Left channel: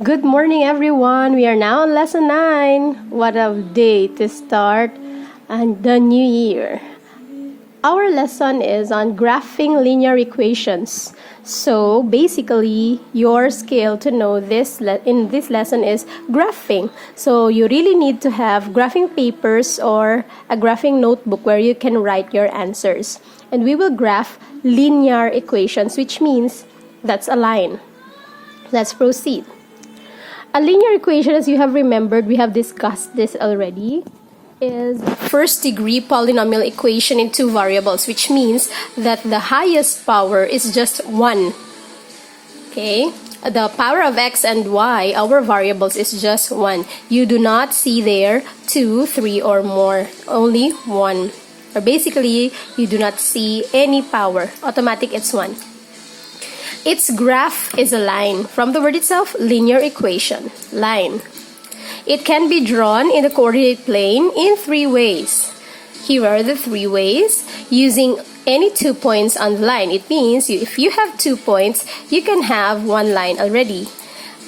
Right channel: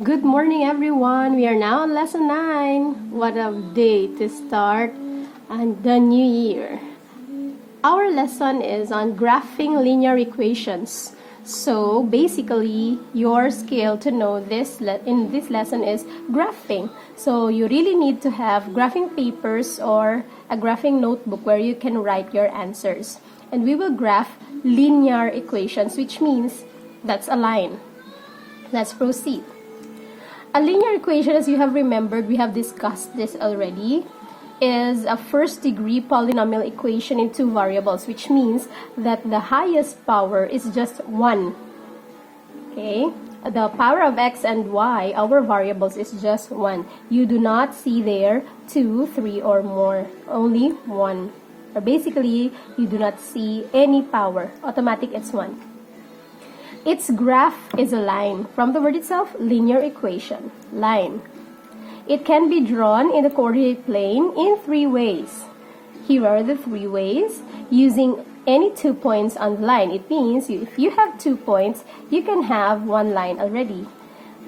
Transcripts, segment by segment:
Good morning, everyone. We are now on lesson 9. What a day to start and the new year. Our lesson is on graphing linear equations. So basically, your skill to know this in this lesson is graphing. So you really need to have graphing papers or a graphing notebook where you can write your answers. And we will graph linear equations, which means that's a line. Let's proceed. A linear equation, as you have remembered, we have discussed this already, is a first-degree polynomial equation in two variables, which means that the highest power is just 1. Okay? The power of x and y, our variables, is just 1. You do not see there 2, 3, or more. Only 1. Or basically, you do not see any power. Automatic, it's 1. Its graph is a line. From the word itself, linear equation, line. It can be drawn in the coordinate plane in 3 ways. Here are the 3 ways. Using any 2 points on the line. It means if you have 2 points, you can have 1 line already.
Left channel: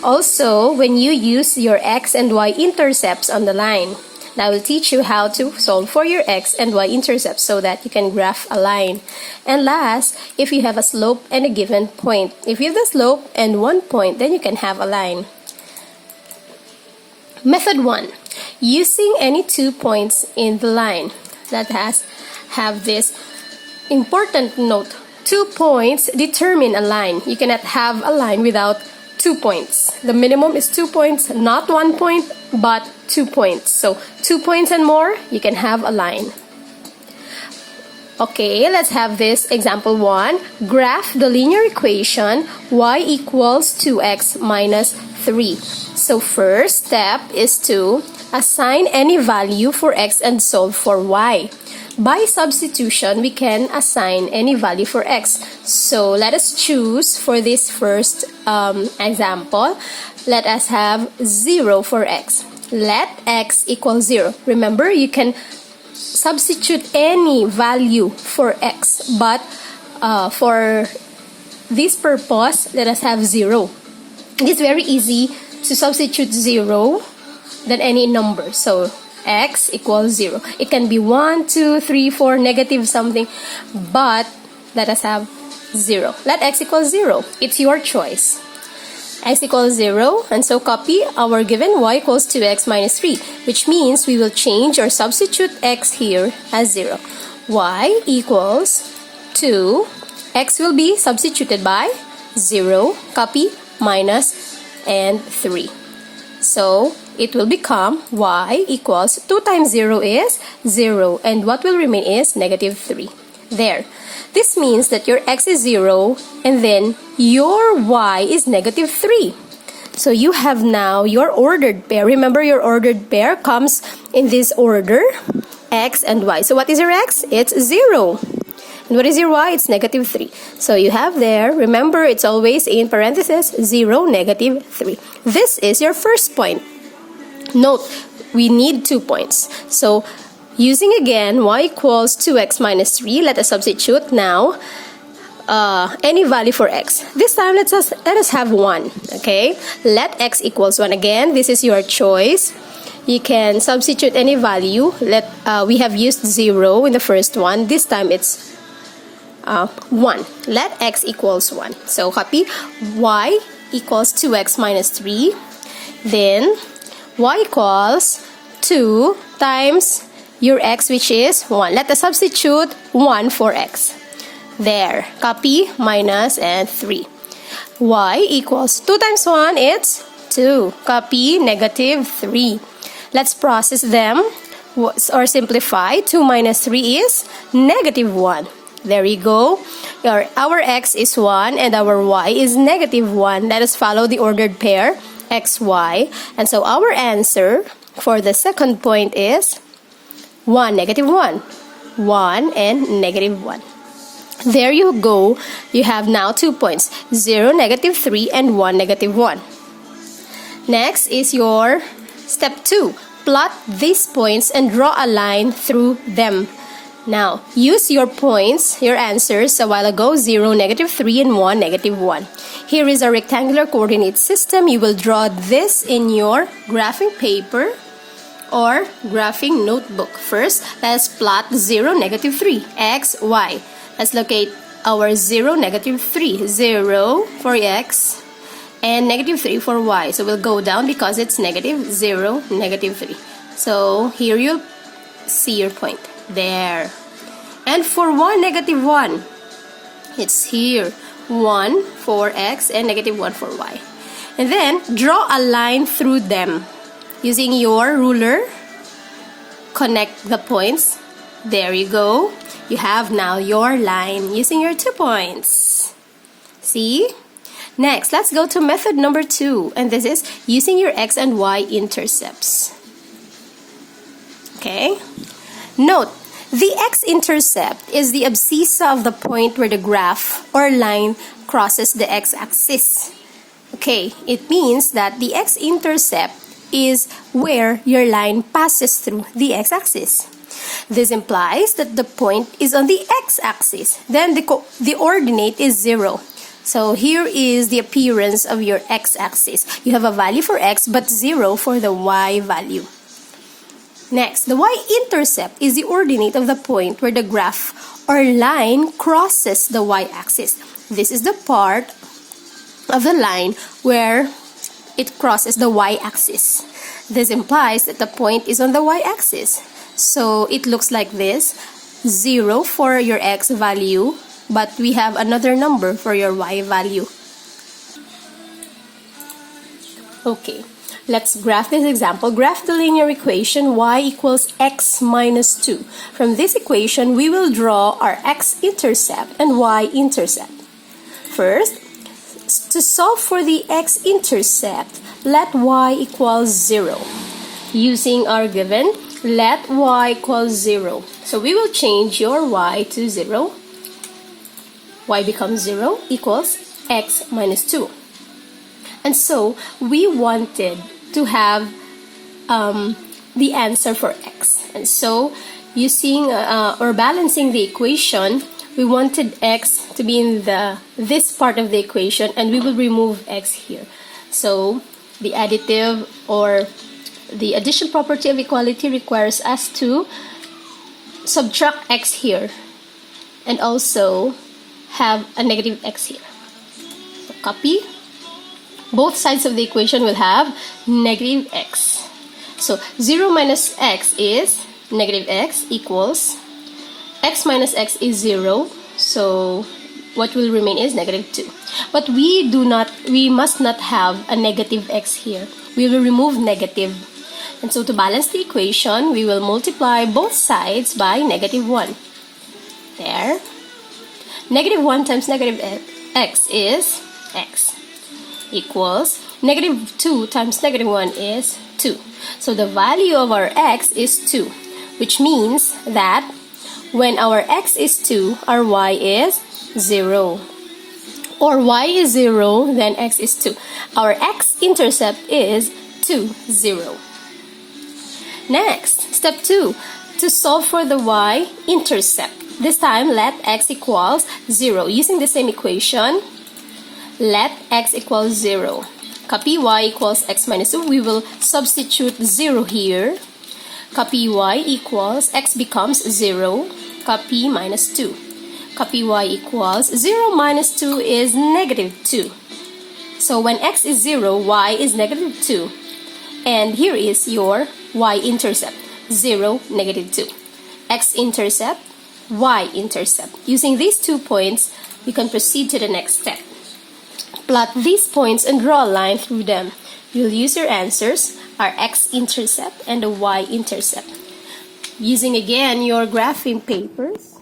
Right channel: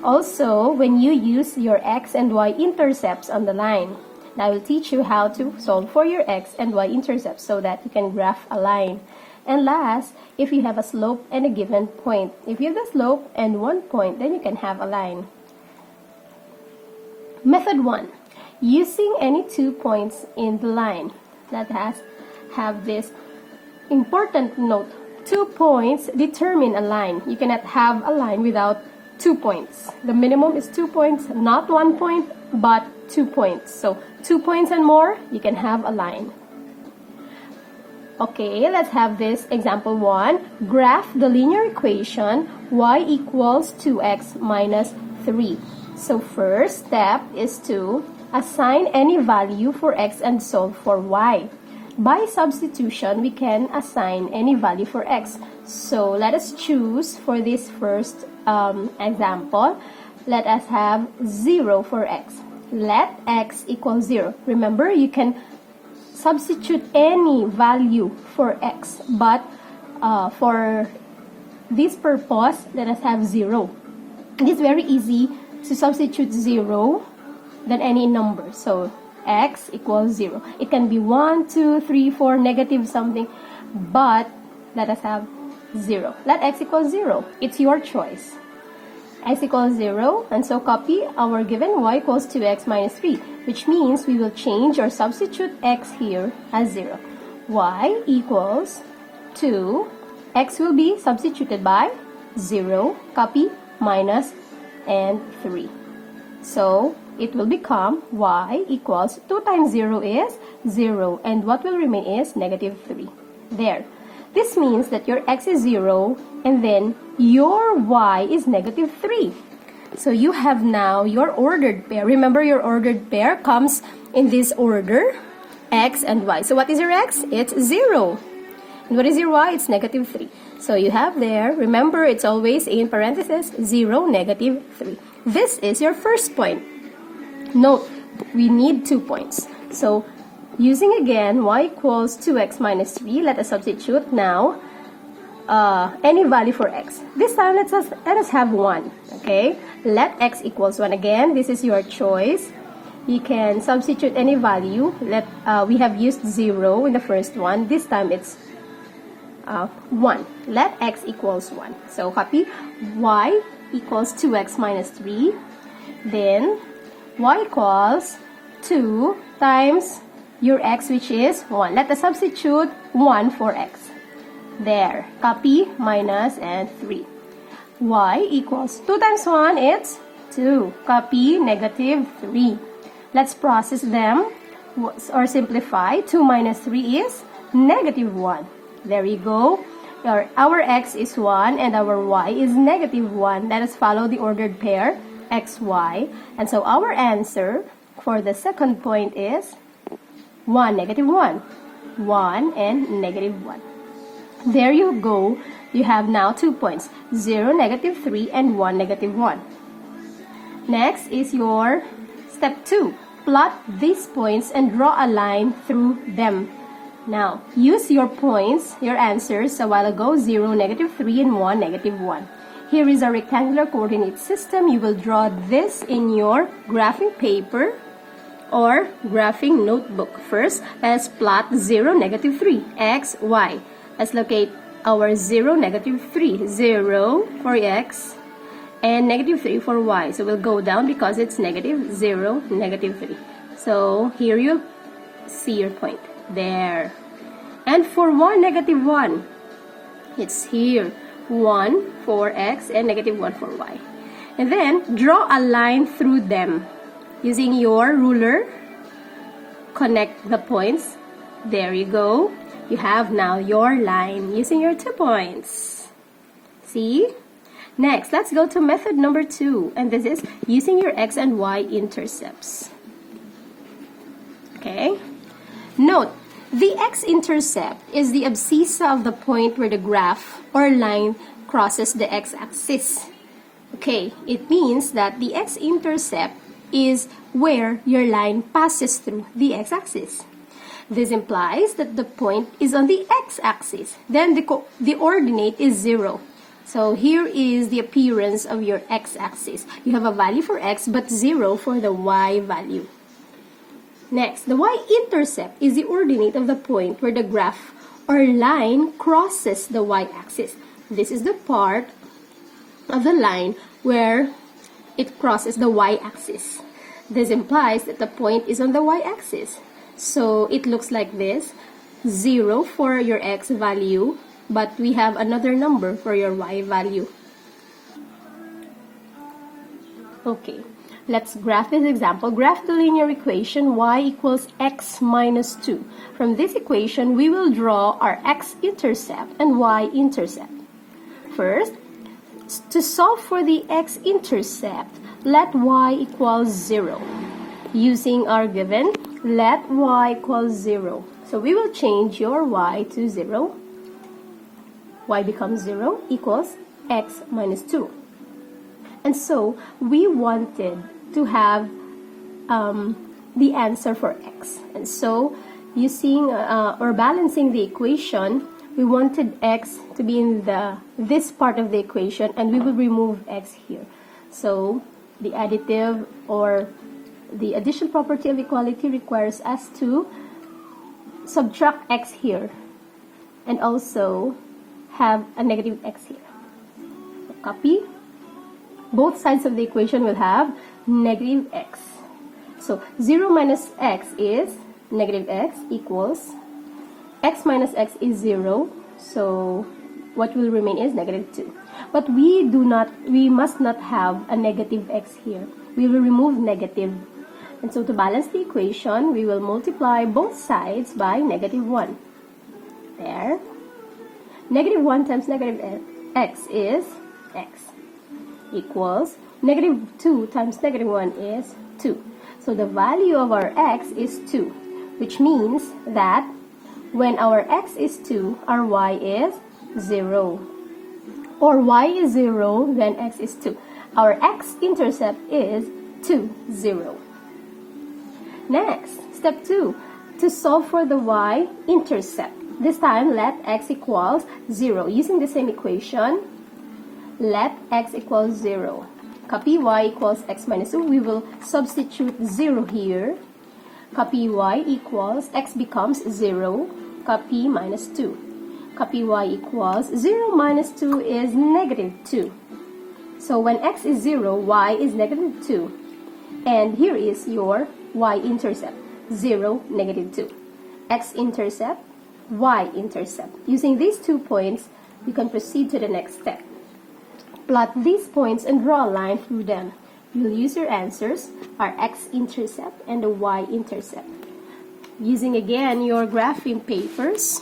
Also, when you use your x and y intercepts on the line. I will teach you how to solve for your x and y intercepts so that you can graph a line. And last, if you have a slope and a given point. If you have the slope and 1 point, then you can have a line. Method 1. Using any 2 points in the line. Let us have this important note. 2 points determine a line. You cannot have a line without 2 points. The minimum is 2 points, not 1 point, but 2 points. So 2 points and more, you can have a line. Okay, let's have this example 1. Graph the linear equation y equals 2x minus 3. So first step is to assign any value for x and solve for y. By substitution, we can assign any value for x. So let us choose for this first example. Let us have 0 for x. Let x equal 0. Remember, you can substitute any value for x. But for this purpose, let us have 0. It is very easy to substitute 0 than any number. So x equals 0. It can be 1, 2, 3, 4, negative something, but let us have 0. Let x equal 0. It's your choice. X equals 0, and so copy our given y equals 2x minus 3, which means we will change or substitute x here as 0. Y equals 2, x will be substituted by 0, copy, minus, and 3. So it will become y equals 2 times 0 is 0, and what will remain is negative 3. There. This means that your x is 0, and then your y is negative 3. So you have now your ordered pair. Remember, your ordered pair comes in this order, x and y. So what is your x? It's 0. And what is your y? It's negative 3. So you have there, remember, it's always in parentheses, 0, negative 3. This is your first point. Note, we need 2 points. So using again y equals 2x minus 3, let us substitute now any value for x. This time let us have 1. Okay, let x equals 1. Again, this is your choice. You can substitute any value. We have used 0 in the first one. This time it's 1. Let x equals 1. So copy y equals 2x minus 3. Then y equals 2 times your x, which is 1. Let us substitute 1 for x. There. Copy, minus, and 3. Y equals 2 times 1, it's 2. Copy, negative 3. Let's process them or simplify. 2 minus 3 is negative 1. There you go. Our x is 1 and our y is negative 1. Let us follow the ordered pair, x, y. And so our answer for the second point is 1, negative 1. 1 and negative 1. There you go. You have now 2 points. 0, negative 3, and 1, negative 1. Next is your step 2. Plot these points and draw a line through them. Now, use your points, your answers a while ago, 0, negative 3, and 1, negative 1. Here is a rectangular coordinate system. You will draw this in your graphing paper or graphing notebook. First, let's plot 0, negative 3, x, y. Let's locate our 0, negative 3. 0 for x and negative 3 for y. So we'll go down because it's negative 0, negative 3. So here you'll see your point. There. And for y, negative 1, it's here. 1 for x and negative 1 for y. And then draw a line through them. Using your ruler, connect the points. There you go. You have now your line using your 2 points. See? Next, let's go to method number 2. And this is using your x and y intercepts. Okay? Note, the x-intercept is the abscissa of the point where the graph or line crosses the x-axis. Okay, it means that the x-intercept is where your line passes through the x-axis. This implies that the point is on the x-axis. Then the ordinate is 0. So here is the appearance of your x-axis. You have a value for x but 0 for the y value. Next, the y-intercept is the ordinate of the point where the graph or line crosses the y-axis. This is the part of the line where it crosses the y-axis. This implies that the point is on the y-axis. So it looks like this, 0 for your x value, but we have another number for your y value. Okay. Let's graph this example. Graph the linear equation y equals x minus 2. From this equation, we will draw our x-intercept and y-intercept. First, to solve for the x-intercept, let y equals 0. Using our given, let y equals 0. So we will change your y to 0. Y becomes 0 equals x minus 2. And so, we wanted to have the answer for x. And so, using or balancing the equation, we wanted x to be in this part of the equation, and we will remove x here. So, the additive or the addition property of equality requires us to subtract x here and also have a negative x here. So, copy. Both sides of the equation will have negative x. So 0 minus x is negative x equals x minus x is 0. So what will remain is negative 2. But we must not have a negative x here. We will remove negative. And so to balance the equation, we will multiply both sides by negative 1. There. Negative 1 times negative x is x. Equals negative 2 times negative 1 is 2. So the value of our x is 2, which means that when our x is 2, our y is 0. Or y is 0, then x is 2. Our x-intercept is 2, 0. Next, step 2. To solve for the y-intercept. This time, let x equals 0. Using the same equation, let x equals 0. Copy y equals x minus 2. We will substitute 0 here. Copy y equals x becomes 0. Copy minus 2. Copy y equals 0 minus 2 is negative 2. So when x is 0, y is negative 2. And here is your y-intercept. 0, negative 2. X-intercept, y-intercept. Using these 2 points, you can proceed to the next step. Plot these points and draw a line through them. You'll use your answers, our x-intercept and the y-intercept. Using again your graphing papers,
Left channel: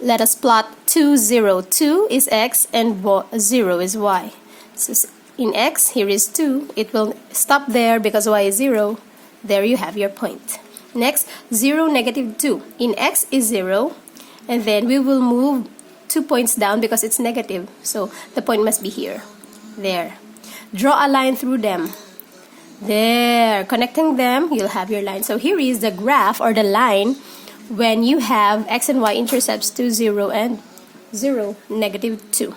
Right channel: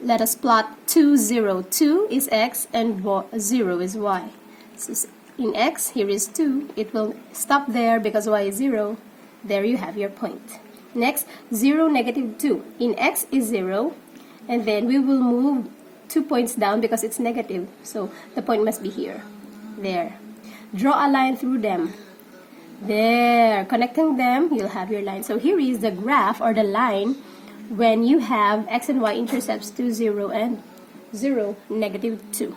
let us plot 2, 0. 2 is x and 0 is y. So in x, here is 2. It will stop there because y is 0. There you have your point. Next, 0, negative 2. In x is 0. And then we will move 2 points down because it's negative. So the point must be here. There. Draw a line through them. There. Connecting them, you'll have your line. So here is the graph or the line when you have x and y intercepts to 0 and 0, negative 2.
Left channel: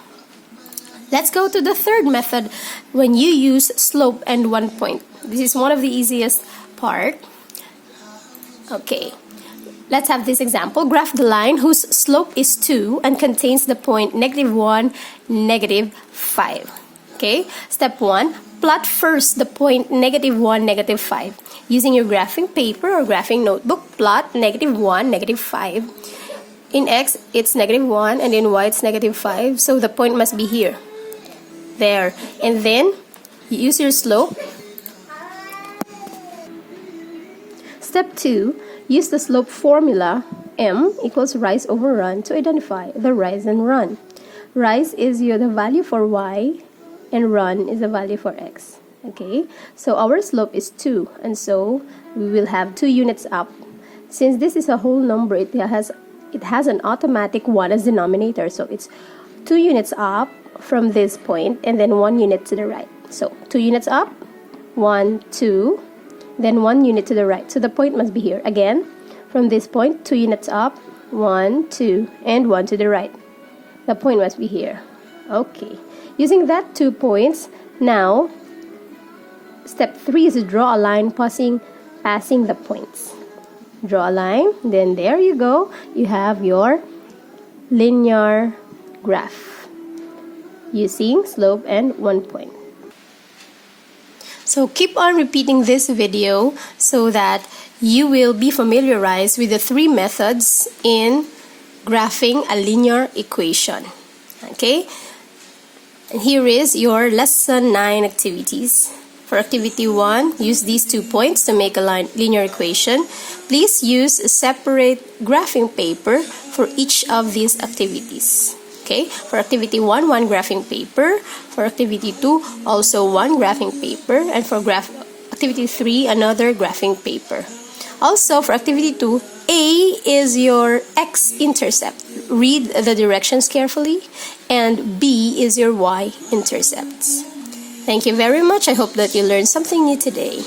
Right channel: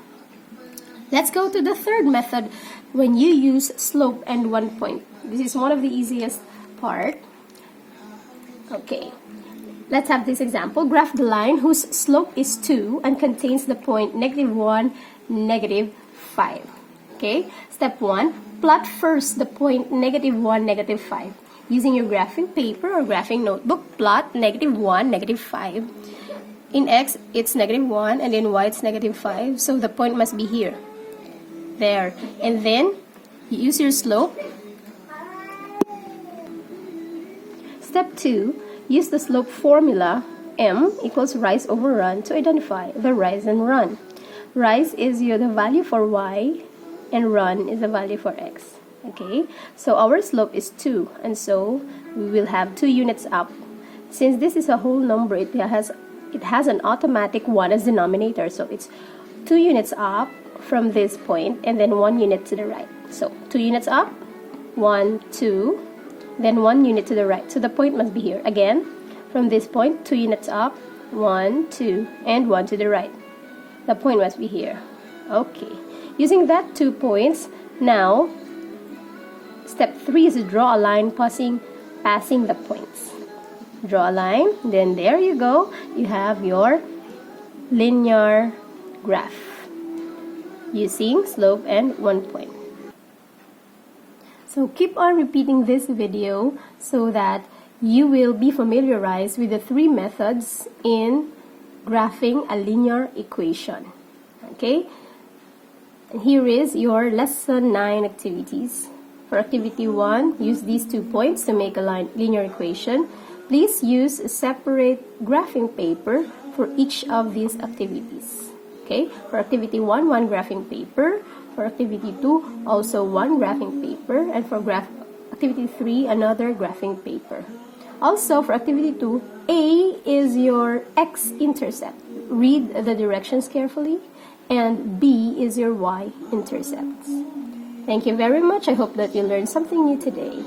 Let's go to the third method when you use slope and 1 point. This is one of the easiest part. Okay, let's have this example. Graph the line whose slope is 2 and contains the point -1, -5. Okay, step 1, plot first the point -1, -5. Using your graphing paper or graphing notebook, plot -1, -5. In x, it's -1, and in y, it's -5. So the point must be here. There. And then, you use your slope. Step 2, use the slope formula, m equals rise over run, to identify the rise and run. Rise is the value for y, and run is the value for x. Okay, so our slope is 2, and so we will have 2 units up. Since this is a whole number, it has an automatic 1 as denominator, so it's 2 units up from this point, and then 1 unit to the right. So 2 units up, 1, 2, then 1 unit to the right. So the point must be here. Again, from this point, 2 units up, 1, 2, and 1 to the right. The point must be here. Okay, using that 2 points, now step 3 is to draw a line passing the points. Draw a line, then there you go. You have your linear graph using slope and 1 point. So keep on repeating this video so that you will be familiarized with the 3 methods in graphing a linear equation. Okay? And here is your lesson 9 activities. For activity 1, use these 2 points to make a linear equation. Please use a separate graphing paper for each of these activities. Okay, for activity 1, 1 graphing paper. For activity 2, also 1 graphing paper. And for activity 3, another graphing paper. Also, for activity 2, A is your x-intercept. Read the directions carefully. And B is your y-intercepts. Thank you very much. I hope that you learned something new today.